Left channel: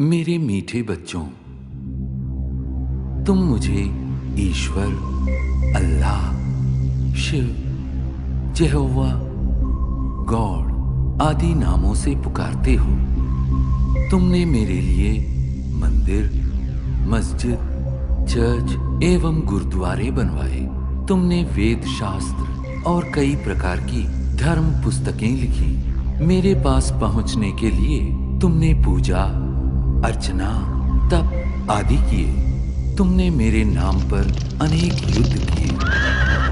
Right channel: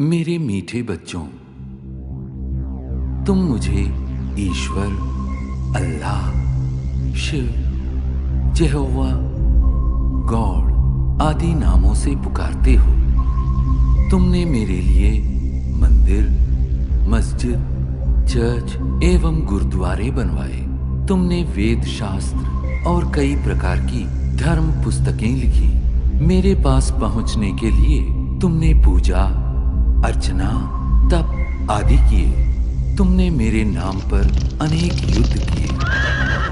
मेरे मीठे बच्चों, तुम मुझे ईश्वर, अल्लाह, शिव, यहोवा, गॉड आदि नामों से पुकारते हो। तुमने मेरे लिए मंदिर, मस्जिद, चर्च एवं गुरुद्वारे बनवाए। तुमने वेद शास्त्र और कई प्रकार की धर्म पुस्तकें लिखी। मेरे पास पहुंचने के लिए तुमने पूजा, अर्चना, तप आदि किए। तुमने मेरे नाम पर अनेक युद्ध किए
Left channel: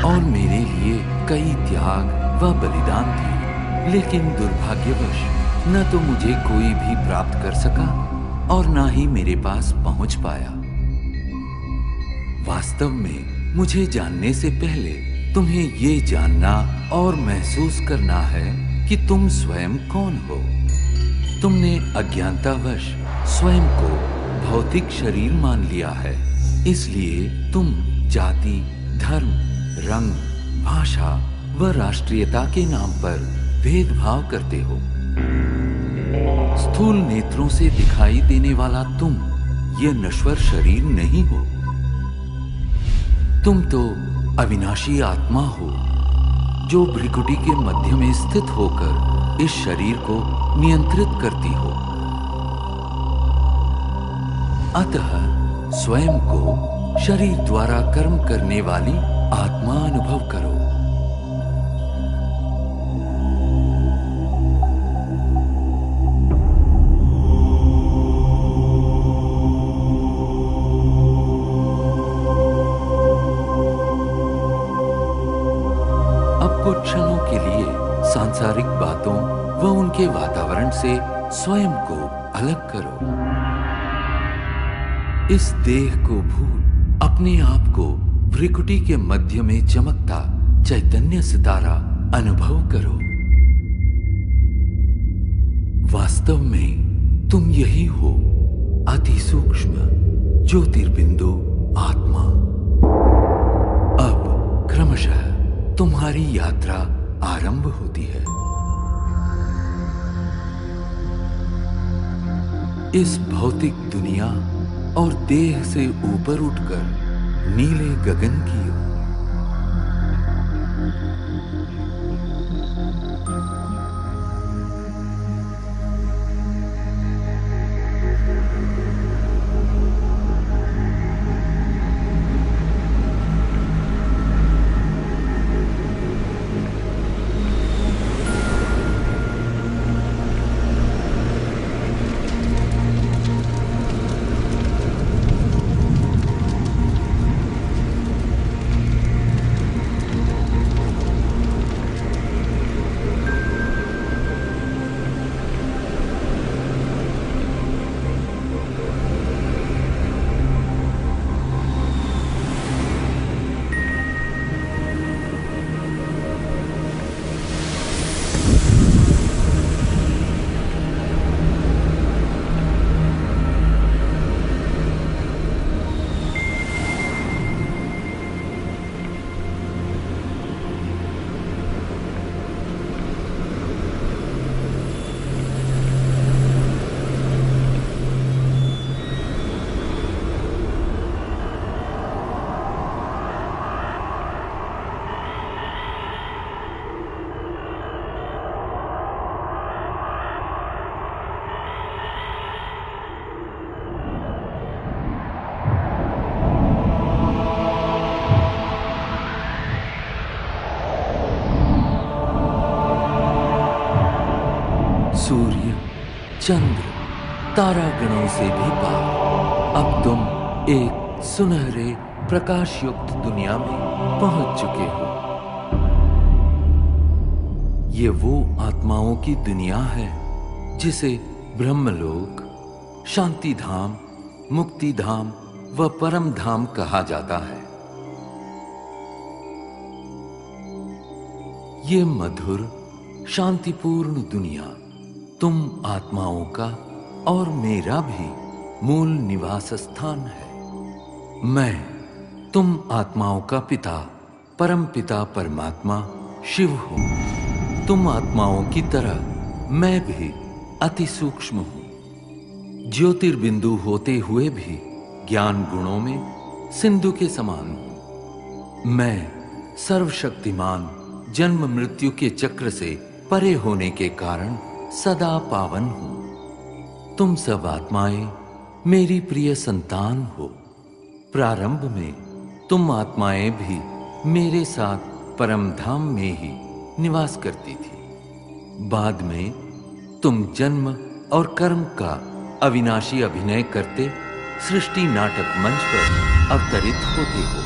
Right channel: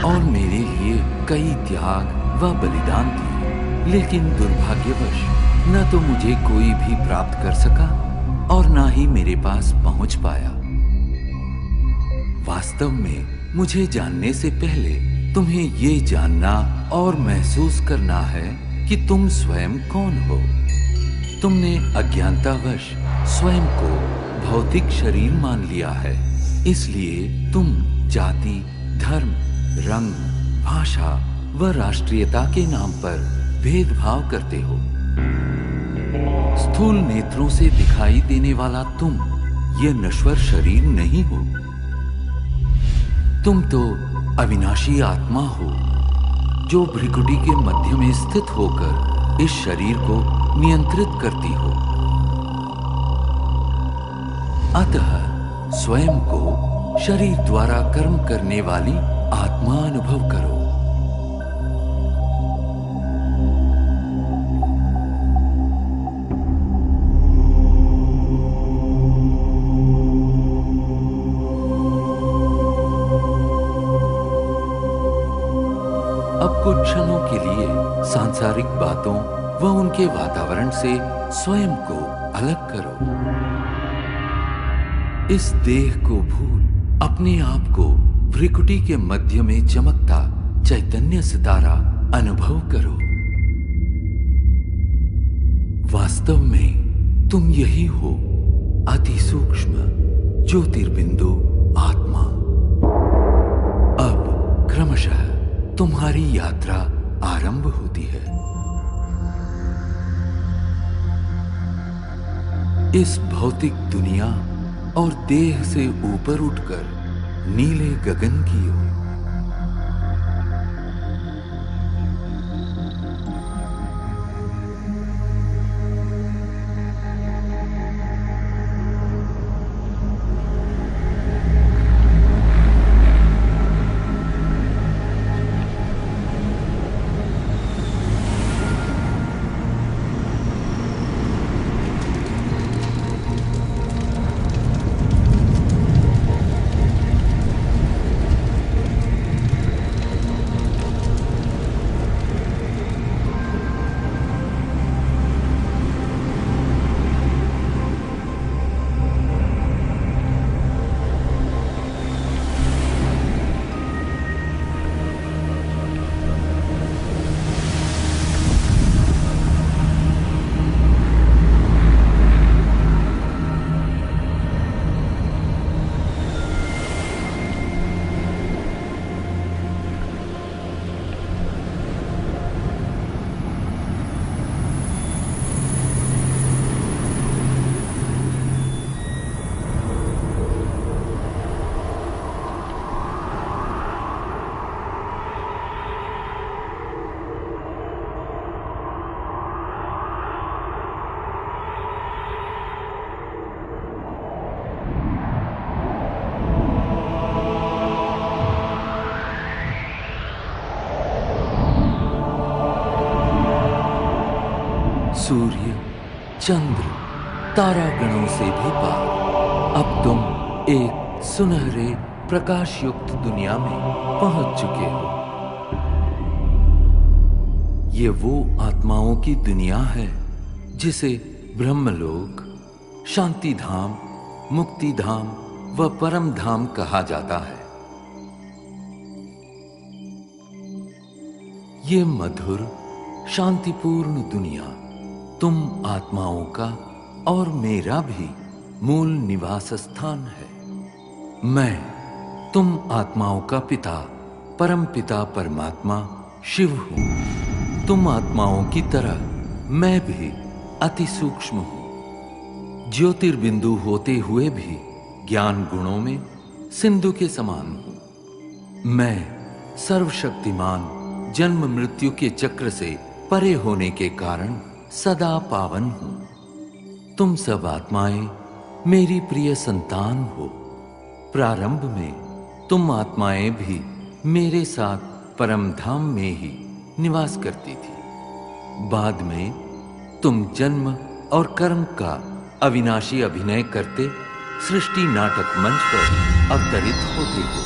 और मेरे लिए कई त्याग व बलिदान दिए। लेकिन दुर्भाग्यवश न तो मुझे कोई भी प्राप्त कर सका और न ही मेरे पास पहुंच पाया। वास्तव में मुझे जानने से पहले तुम्हें ये जानना और महसूस करना है कि तुम स्वयं कौन हो। तुमने अज्ञानतावश स्वयं को भौतिक शरीर मान लिया है, इसलिए तुम जाति, धर्म, रंग, भाषा व राष्ट्रीयता के नाम पर भेदभाव करते हो। स्थूल नेत्रों से दिखाई देने वाला तुम ये नश्वर शरीर नहीं हो। तुम तो अविनाशी आत्मा हो, जो भ्रिकुटी के मध्य में स्थित होकर इस शरीर को नियंत्रित करती हो। अतः स्वयं को शरीर द्वारा कर्म करने वाली आत्मा अनुभव करो। अब कुछ क्षणों के लिए सांसारिक बातों व उनके वातावरण से स्वयं को अलग करो। इस देह को भूल अपने आप को भ्रिकुटी के मध्य में चमकता चैतन्य सितारा अनुभव करो। वास्तव में तुम यही हो, अति सूक्ष्म ज्योतिर्बिंदु आत्मा। अब क्रमशः तुम्हारी यात्रा आरंभ होती है। इस भौतिक दुनिया और देह से ऊपर उठकर नीले गगन की ओर। सूर्य, चंद्र, तारागणों से भी पार अब तुम एक सुनहरे प्रकाश युक्त दुनिया में पहुंच चुके हो। ये वो आत्माओं की दुनिया है जिसे ब्रह्मलोक, शांति धाम, मुक्ति धाम व परम धाम कहा जाता है। ये मधुर शांतिपूर्ण दुनिया तुम आत्माओं का और मेरा भी मूल निवास स्थान है। मैं तुम आत्माओं का पिता, परम पिता परमात्मा शिव हूं। तुम आत्माओं की तरह मैं भी अति सूक्ष्म हूं। ज्योतिर्बिंदु होते हुए भी ज्ञान गुणों में सिंधु के समान हूं। मैं सर्वशक्तिमान जन्म मृत्यु के चक्र से परे होने के कारण सदा पावन हूं। तुम सब आत्माएं मेरी प्रिय संतान हो। प्रारंभ में तुम आत्माएं भी मेरे साथ परम धाम में ही निवास करती थी। बाद में तुम जन्म और कर्म का अविनाशी अभिनय करते सृष्टि नाटक मंच पर अवतरित होते हो।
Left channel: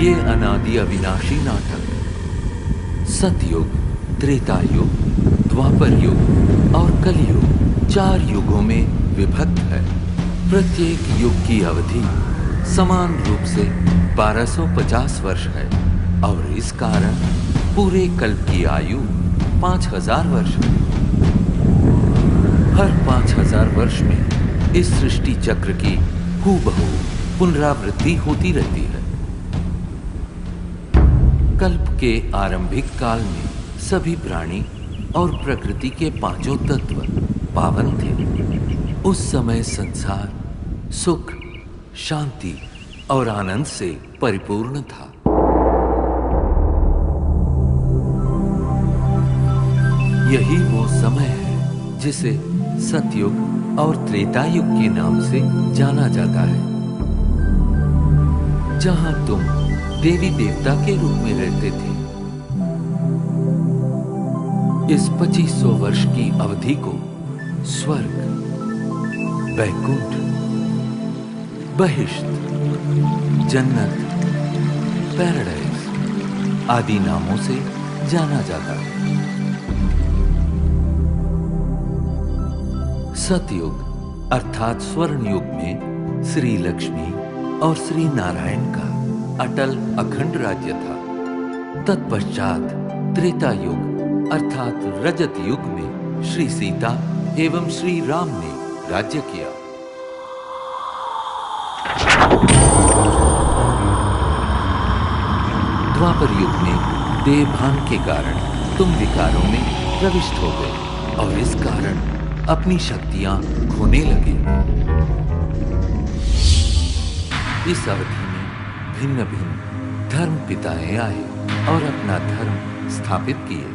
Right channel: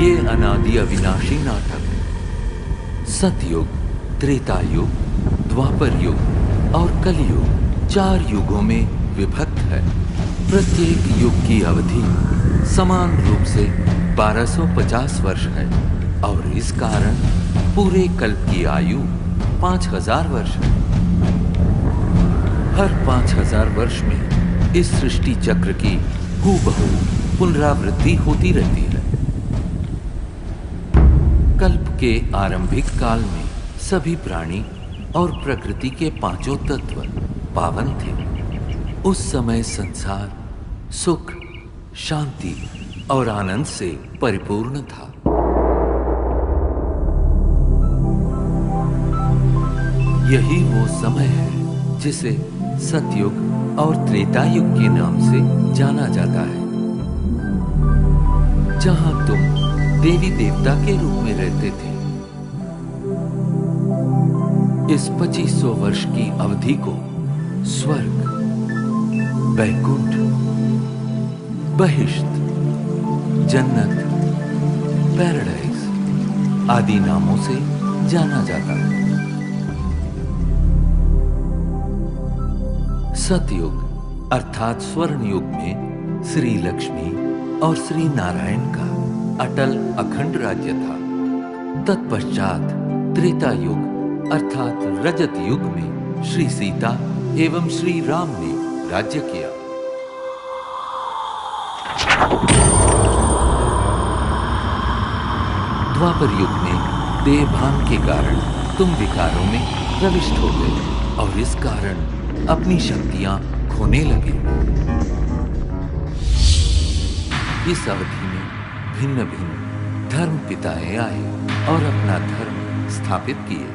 ये अनादि अविनाशी नाटक सतयुग, त्रेता युग, द्वापर युग और कलियुग 4 युगों में विभक्त है। प्रत्येक युग की अवधि समान रूप से 1250 वर्ष है और इस कारण पूरे कल्प की आयु 5000 वर्ष है। हर 5000 वर्ष में इस सृष्टि चक्र की हूबहू पुनरावृत्ति होती रहती है। कल्प के आरंभिक काल में सभी प्राणी और प्रकृति के 5 तत्व पावन थे। उस समय संसार सुख, शांति और आनंद से परिपूर्ण था। यही वो समय है जिसे सतयुग और त्रेता युग के नाम से जाना जाता है, जहां तुम देवी देवता के रूप में रहते थे। इस 2500 वर्ष की अवधि को स्वर्ग, वैकुंठ, बहिष्ट, जन्नत, पैराडाइज आदि नामों से जाना जाता है। सतयुग अर्थात स्वर्ण युग में श्री लक्ष्मी और श्री नारायण का अटल अखंड राज्य था। तत्पश्चात त्रेता युग अर्थात रजत युग में श्री सीता एवं श्री राम ने राज्य किया। द्वापर युग में देहभान के कारण तुम विकारों में प्रविष्ट हो गए और इस कारण अपनी शक्तियां खोने लगे। इस अवधि में भिन्न भिन्न धर्म पिताएं आए और अपना धर्म स्थापित किए।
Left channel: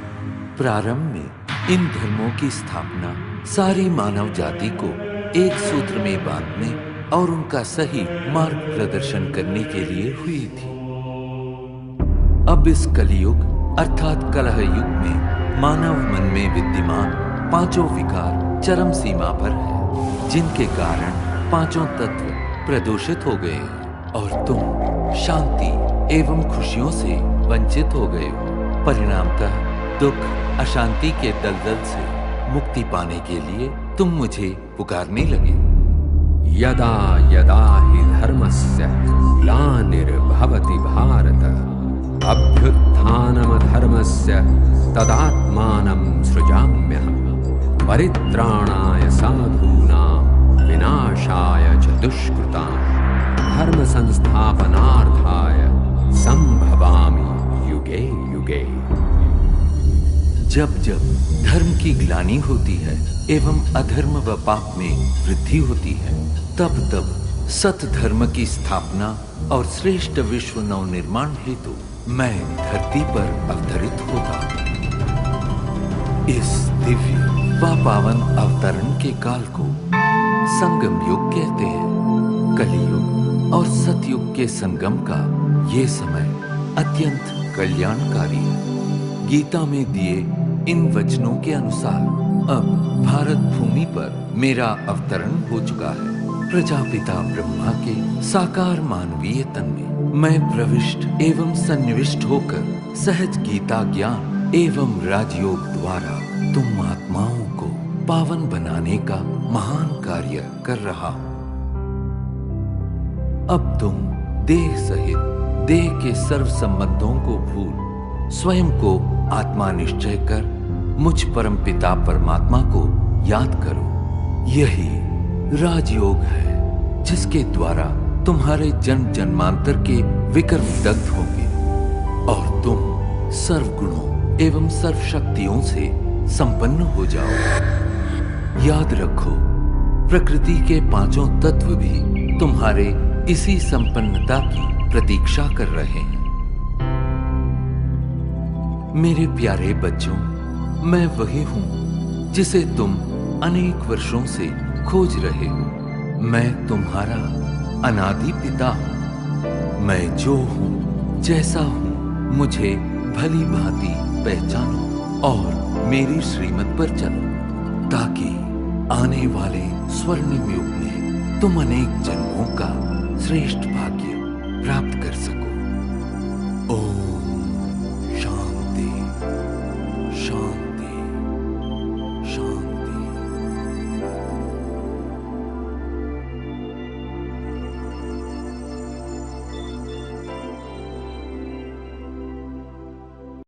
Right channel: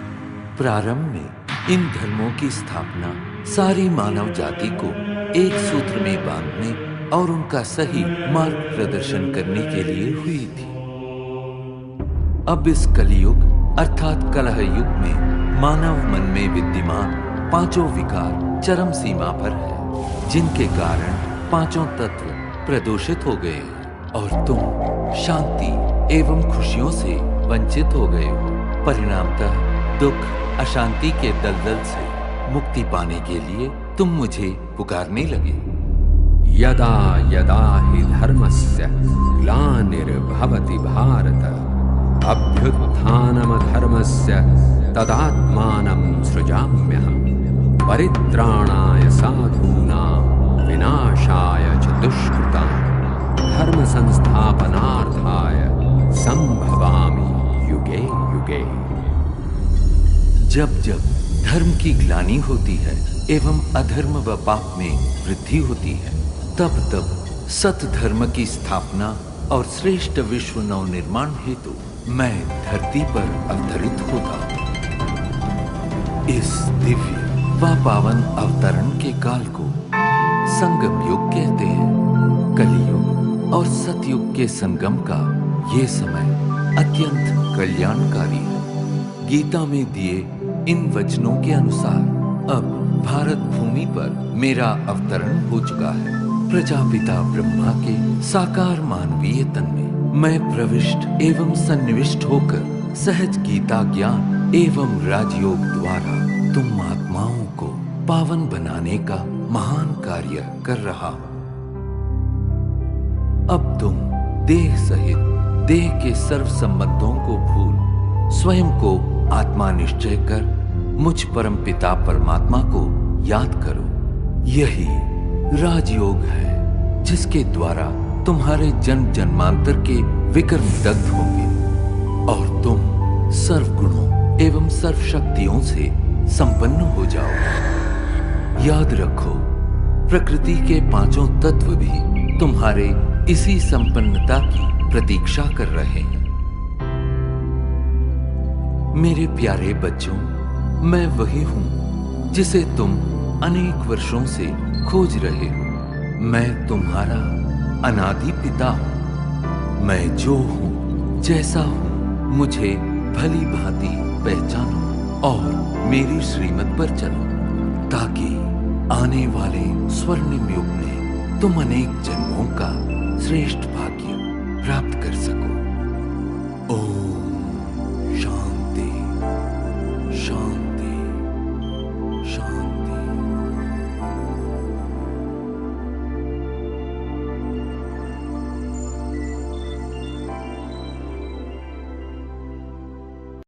प्रारंभ में इन धर्मों की स्थापना सारी मानव जाति को एक सूत्र में बांधने और उनका सही मार्ग प्रदर्शन करने के लिए हुई थी। अब इस कलियुग अर्थात कलह युग में मानव मन में विद्यमान 5 विकार चरम सीमा पर है, जिनके कारण 5 तत्व प्रदूषित हो गए और तुम शांति एवं खुशियों से वंचित हो गए हो। परिणामतः दुख, अशांति के दलदल से मुक्ति पाने के लिए तुम मुझे पुकारने लगे। यदा यदा हि धर्मस्य ग्लानिर्भवति भारत अभ्युत्थानमधर्मस्य तदात्मानं सृजाम्यहम् परित्राणाय साधूनां विनाशाय च दुष्कृतां धर्म संस्थापनार्थाय संभवामि युगे युगे। जब जब धर्म की ग्लानि होती है एवं अधर्म व पाप में वृद्धि होती है, तब तब सत धर्म की स्थापना और श्रेष्ठ विश्व नव निर्माण हेतु मैं धरती पर अवतरित होता। इस दिव्य व पावन अवतरण के काल को संगम युग कहते हैं। कलियुग और सतयुग के संगम का ये समय अत्यंत कल्याणकारी है। गीता में दिए इन वचनों के अनुसार अब भारत भूमि पर मेरा अवतरण हो चुका है। प्रजापिता ब्रह्मा के साकार मानवीय तन में मैं प्रविष्ट एवं सन्निविष्ट होकर सहज गीता ज्ञान एवं राजयोग द्वारा तुम आत्माओं को पावन बनाने का महान कार्य कर रहा हूं। अब तुम देह सहित देह के सर्व संबंधों को भूल स्वयं को आत्मा निश्चय कर मुझ परम पिता परमात्मा को याद करो। यही राजयोग है जिसके द्वारा तुम्हारे जन्म जन्मांतर के विकर्म दग्ध होंगे और तुम सर्व गुणों एवं सर्वशक्तियों से संपन्न हो जाओगे। याद रखो, प्रकृति के पांचों तत्व भी तुम्हारे इसी संपन्नता की प्रतीक्षा कर रहे हैं। मेरे प्यारे बच्चों, मैं वही हूं जिसे तुम अनेक वर्षों से खोज रहे हो। मैं तुम्हारा अनादि पिता हूं। मैं जो हूं, जैसा हूं, मुझे भली भांति पहचानो और मेरी श्रीमत पर चलो, ताकि आने वाले स्वर्णिम युग में तुम अनेक जन्मों का श्रेष्ठ भाग्य प्राप्त कर सको। ओम शांति शांति।